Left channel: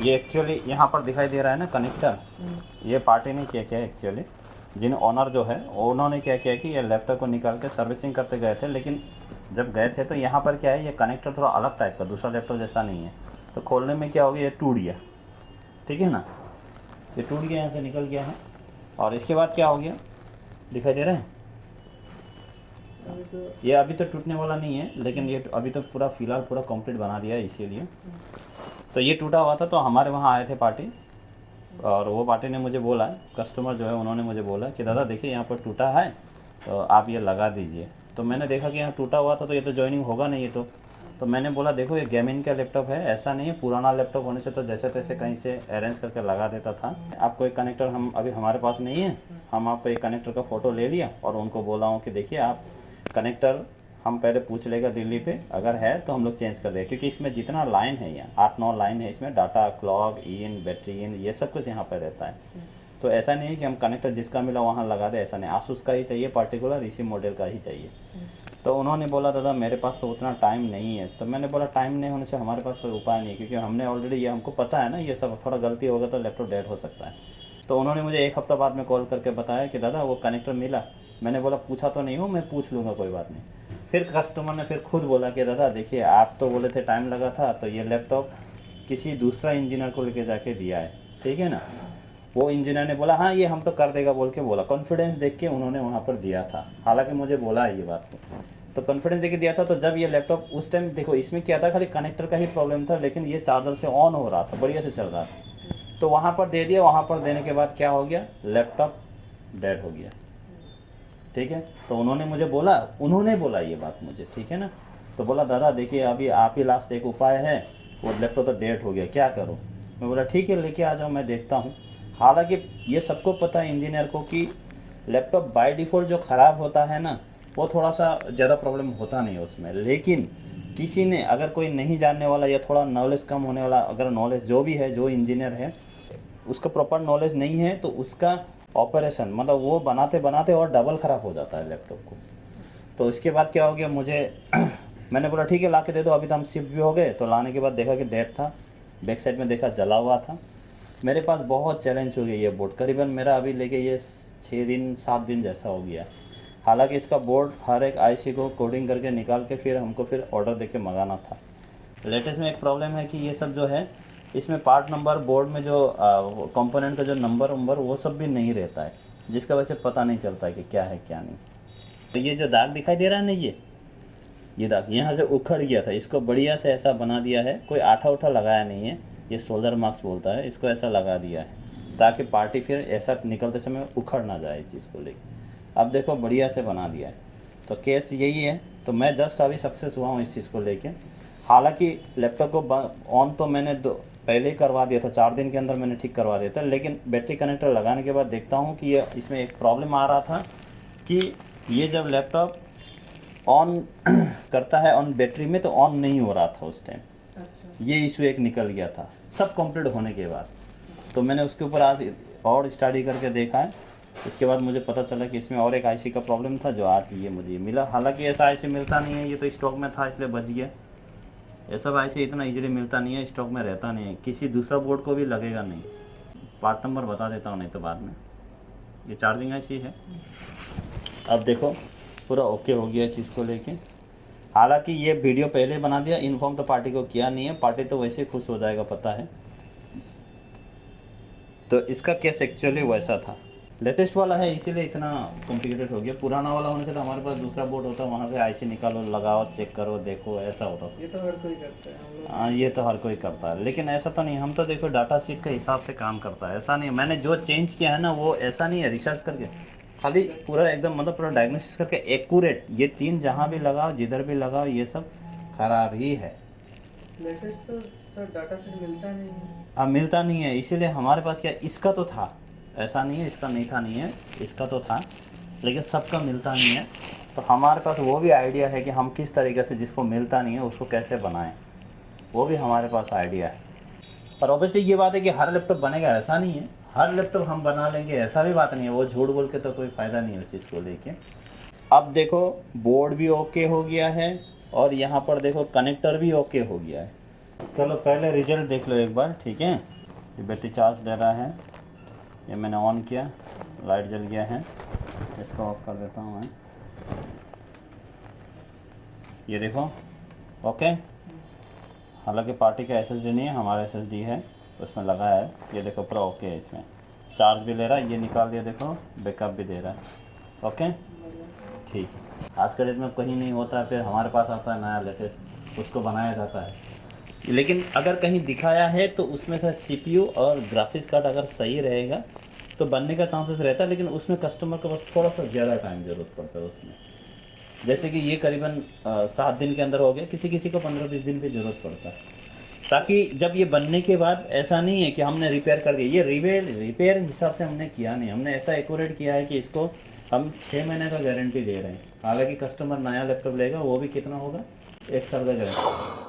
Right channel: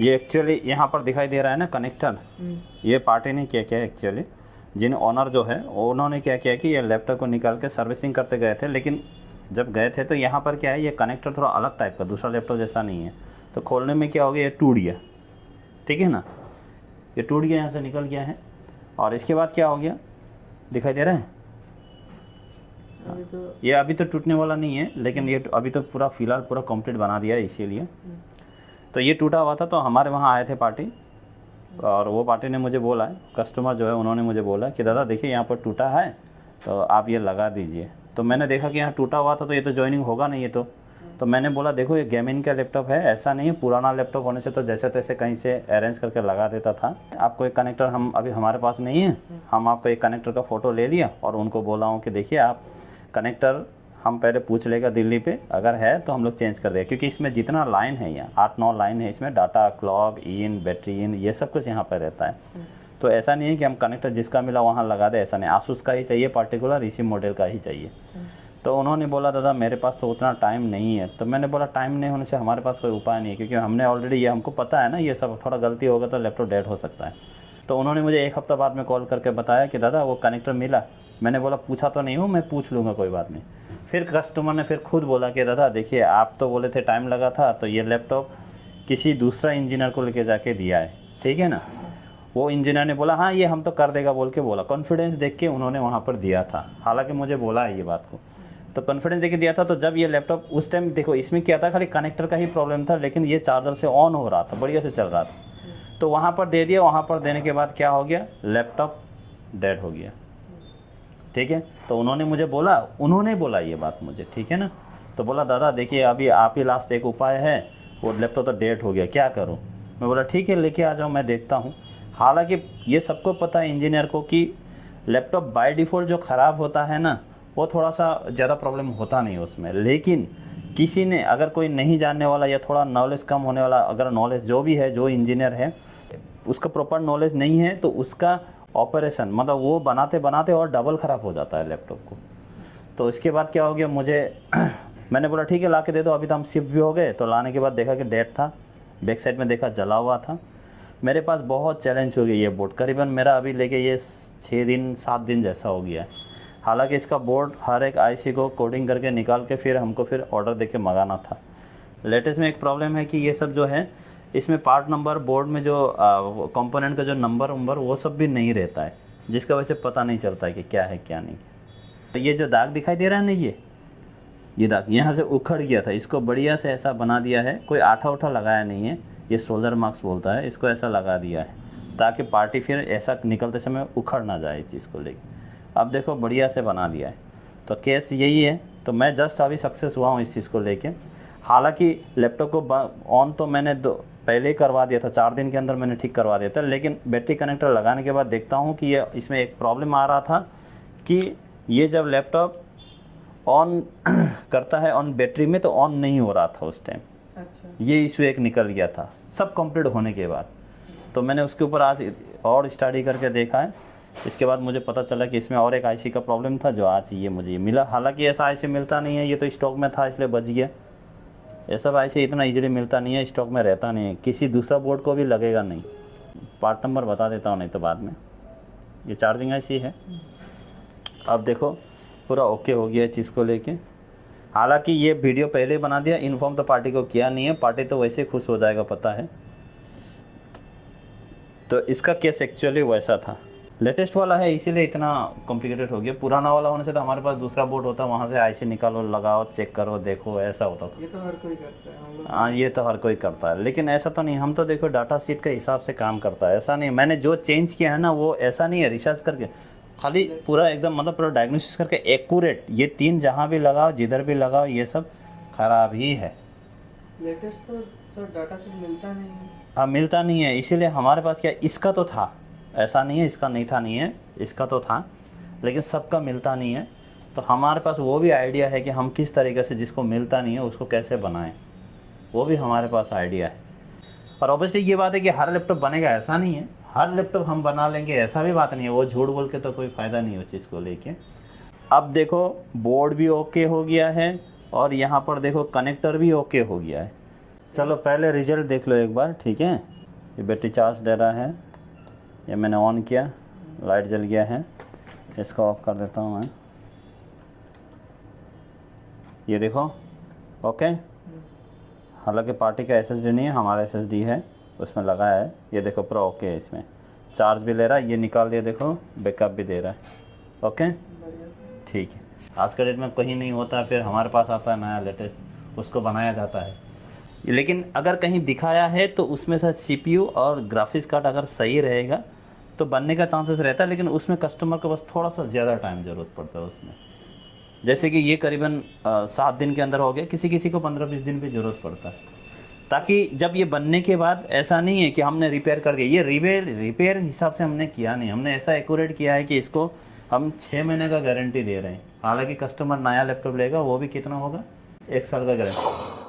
ये एक्चुअली यहाँ पर दिखाई दे रहा है ना कनेक्टर, ये पार्टी ने क्या किया एक्चुअली, जिन ओनर जो है उन्होंने क्या किया कि ये लैपटॉप को निकाल के सर्विसिंग करते गए थे, लेकिन जब गए थे तो यहाँ पर क्या है, ये कनेक्टर थोड़ा अलग टाइप का, दूसरा लैपटॉप जैसा नहीं है। तो खोलने में क्या हो गया, ये टूट गया, ठीक है ना, ये टूट गया, यहाँ से निकल गया है। और इसके बाद क्या हो गया, दिखाई दे रहा है, ये अभी तो टूटने वाला नहीं है, लेकिन ये अभी तो पूरा फिलहाल पूरा कंप्लीट बना दिया है इसीलिए। तो ये टूटा हुआ था, तो हमारे वहाँ आए थे पार्टी, और वो पार्टी ने मुझे बोला, कस्टमर जो है उन्होंने मुझे बोला कि दादा देखिए यहाँ पर टूटा है, तो आप ये लगा दीजिए। तो मैंने देखा कि यहाँ टूटा हुआ था, तो ये तो जॉइनिंग होगा नहीं, ये तो मैंने बोला देखो ये गेमिंग का लैपटॉप है, ऐसा नहीं है, पुराना लैपटॉप होने से तो जैसे तैसे कहीं से अरेंज करके लगा देता था। आपको एक कनेक्टर हम अभी हमारे पास नहीं है, हम आपको एक कनेक्टर का फ़ोटो ले लिया और उनको बोला हूँ कि देखिए आप कनेक्टर हम पहले पूछ लेगा दिल्ली पे, अगर है तो हम लोग चेंज कर देंगे, क्योंकि इसमें जितना लाइन है यहाँ 8-9 लाइन है इसमें, data clock in battery in ये सब कुछ यहाँ पर रहता है। तो ऐसा नहीं है कि हम कनेक्टर जिसका मिला वहाँ लगा दे, ऐसा नहीं, आसूस का ही चाहिए पर्टिकुलर, इसी मॉडल का ही चाहिए। तो उन्होंने बोला दादा मेरे पास तो उतना टाइम नहीं है। तो मैंने बोला टाइम नहीं होने से हमारे पास कोई उपाय नहीं है, क्योंकि हमने ऑलरेडी ये हमको पता है ना, ये सब थोड़ा गलती होगा तो लैपटॉप डेड हो सकता है। तो उन्होंने मुझे 1 हफ्ता बाद में कॉल करके बताया कि दादा वो कनेक्टर मिला। मैंने बोला पूछा तो नहीं हूँ, मैं पूछ लूँगा, कोई बात नहीं। फिर कस्टमर ने फिर खुद बोला कि दादा देखिए आप तो बोले थे टाइम लगा था, तो ये लैपटॉप किसी दूसरा इंजीनियर को लेके जाके दिया है, ठीक है ना। वो इंजीनियर ने बोला हाँ ये हम तो कर देगा बोल के बोला, कॉन्फिडेंस देख के उन्होंने वहाँ पर दिया था, हालांकि मुझे बोला है ये बात को, तो कॉन्फिडेंस देके दिया था। तो जब ये लैपटॉप उस टाइम देखो इसमें क्या था, खाली कनेक्टर का ही प्रॉब्लम था, लेकिन ये चार्जर से ऑन हो रहा था, बढ़िया से चल रहा था। तो वहाँ पर दे दिया, वहाँ पर देने के बाद क्या हो गया, लैपटॉप डेड हो गया, ठीक है। तो उन्होंने मुझे बोला, उन्होंने बोला ये बात मुझे, ठीक है ना। तो बोला दादा देखिए अभी आप ही लास्ट एक उपाय है, वो लैपटॉप तो डेड हो गया, क्या करूँ। मैं बोला ठीक है लेके आ जाओ, मैं देखता हूँ। हालांकि ये सबको पता है इंजीनियर को कि लैपटॉप बाय डिफ़ॉल्ट जो ख़राब होता है ना, वो थोड़ा सा ज़्यादा प्रॉब्लम होता नहीं उसमें, लेकिन किसी ने अगर कोई नहीं जानने वाला या थोड़ा नॉलेज कम होने वाला, अगर नॉलेज जो भी है, जो इंजीनियर है उसका प्रॉपर नॉलेज नहीं है, तो उसका ऑपरेशन मतलब वो बनाते बनाते और डबल ख़राब हो जाता है लैपटॉप को। तो इसके बाद क्या हो गया मुझे मैंने बोला ठीक है ला के दे दो, अभी तो हम शिफ्ट भी हो गए। तो लाने के बाद देखा कि डेड था, बैक साइड में देखा जला हुआ था। मेरे पास बहुत चैलेंज हो गई ये बोर्ड, करीबन मेरा अभी लेके ये 6 दिन 7 दिन जैसा हो गया है। हालांकि इसका बोर्ड हर एक आईसी को कोडिंग करके निकाल के फिर हमको फिर ऑर्डर देके मंगाना था। लेटेस्ट में एक प्रॉब्लम है कि ये सब जो है इसमें पार्ट नंबर, बोर्ड में जो कंपोनेंट का जो नंबर वो सब भी नहीं रहता है, जिसका वजह से पता नहीं चलता है कि क्या है क्या नहीं। तो ये जो दाग दिखाई दे रहा है ना, ये दाग यहाँ से उखड़ गया था, इसको बढ़िया से ऐसा बना दिया है, कोई आठा उठा लगाया नहीं है, ये सोल्डर मार्क्स बोलता है, इसको ऐसा लगा दिया है ताकि पार्टी फिर ऐसा निकलते समय उखड़ ना जाए इस चीज़ को लेकर। अब देखो बढ़िया से बना दिया है। तो केस यही है। तो मैं जस्ट अभी सक्सेस हुआ हूँ इस चीज़ को लेके। हालांकि लैपटॉप को ऑन तो मैंने पहले ही करवा दिया था, 4 दिन के अंदर मैंने ठीक करवा दिया था, लेकिन बैटरी कनेक्टर लगाने के बाद देखता हूँ कि ये इसमें एक प्रॉब्लम आ रहा था कि ये जब लैपटॉप ऑन करता है ऑन बैटरी में तो ऑन नहीं हो रहा था उस टाइम। अच्छा। ये इशू एक निकल गया था सब कंप्लीट होने के बाद। तो मैंने उसके ऊपर आज और स्टडी करके देखा है। इसके बाद मुझे पता चला कि इसमें और एक आईसी का प्रॉब्लम था, जो आज ये मुझे मिला। हालांकि ऐसा आईसी मिलता नहीं है, ये तो स्टॉक में था इसलिए बच गया। ये सब आईसी इतना इजीली मिलता नहीं है, स्टॉक में रहता नहीं है, किसी दूसरा बोर्ड को भी लगेगा नहीं। पार्ट नंबर बता देता हूँ नहीं तो बाद में। ये चार्जिंग आईसी है। अब देखो पूरा ओके हो गया चीज़ को लेके। हालांकि ये वीडियो पहले बना दिया, इन्फॉर्म तो पार्टी को किया नहीं है, पार्टी तो वैसे खुश हो जाएगा पता है। तो इसका केस एक्चुअली वैसा था, लेटेस्ट वाला है इसीलिए इतना कॉम्प्लिकेटेड हो गया। पुराना वाला होने से तो हमारे पास दूसरा बोर्ड होता, वहाँ से आईसी निकालो, लगाओ, चेक करो, देखो, ऐसा होता था। ये तो हर कोई करता है हम लोग। हाँ ये तो हर कोई करता है, लेकिन ऐसा तो नहीं। हम तो देखो डाटा शीट के हिसाब से काम करता है, ऐसा नहीं मैंने जो चेंज किया है ना वो ऐसा नहीं है रिसर्च करके, खाली पूरा एकदम मतलब पूरा डायग्नोसिस करके एक्यूरेट। ये 3 जहाँ भी लगाओ, जिधर भी लगाओ, ये सब खराब ही है। लेटेस्ट तो सर डाटा सेट मिलता नहीं है। हाँ मिलता नहीं है, इसीलिए हमारे पास क्या, इसका तो था, ऐसा नहीं है इसका नहीं था, नहीं है इसका तो था, लेकिन सबका मिलता नहीं है। तो हमारे पास वो भी आइडिया है कि हम किस तरीके से जिसको मिलता नहीं है उसको कैसे बनाएं, वो भी हमारे पास आइडिया है। पर ऑब्वियसली ये बात है कि हर लैपटॉप बनेगा ऐसा नहीं है, हर लैपटॉप हम बना लेंगे ऐसा भी बात नहीं है। वो झूठ बोल के तो कोई फ़ायदा नहीं है उस चीज़ को लेके। अब देखो बोर्ड भी ओके हो गया है और यहाँ पर देखो कनेक्टर भी ओके हो गया है। चलो पहले रिजल्ट देख लो एक बार, ठीक है। ये बैटरी चार्ज दे रहा है, ये मैंने ऑन किया, लाइट जल गया है। इसको ऑफ कर देता हूँ मैं। ये देखो, ओके। हालांकि पार्टी का एसएसडी नहीं है, हमारा एसएसडी है, उसमें लगा है। ये देखो पूरा ओके है, इसमें चार्ज भी ले रहा है। ये निकाल दिया, देखो बैकअप भी दे रहा है। ओके, ठीक है। आज के डेट में कहीं नहीं होता है, फिर हमारे पास आता है नया लेटेस्ट, उसको बनाया जाता है। लेकिन अगर कहीं दिखाया है तो उसमें शायद सीपीयू और ग्राफिक्स कार्ड अगर सही रहेगा तो बनने का चांसेस रहता है, लेकिन उसमें कस्टमर को बस थोड़ा सा ज़्यादा टाइम ज़रूरत पड़ता है उसमें। जैसे कि ये करीबन 7 दिन के अंदर हो गया, किसी किसी को 15-20 दिन भी ज़रूरत पड़ता है, ताकि जब ये बनने के बाद ऐसा नहीं है कि हमने रिपेयर कर दिया। ये रिपेयर हिसाब से हमने किया नहीं, हमने ऐसा एक्यूरेट किया है कि इसको हम 6 महीने का गारंटी दे रहे हैं। हालांकि कस्टमर नया लैपटॉप लेगा वो भी कितना होगा, 1 साल का गारंटी।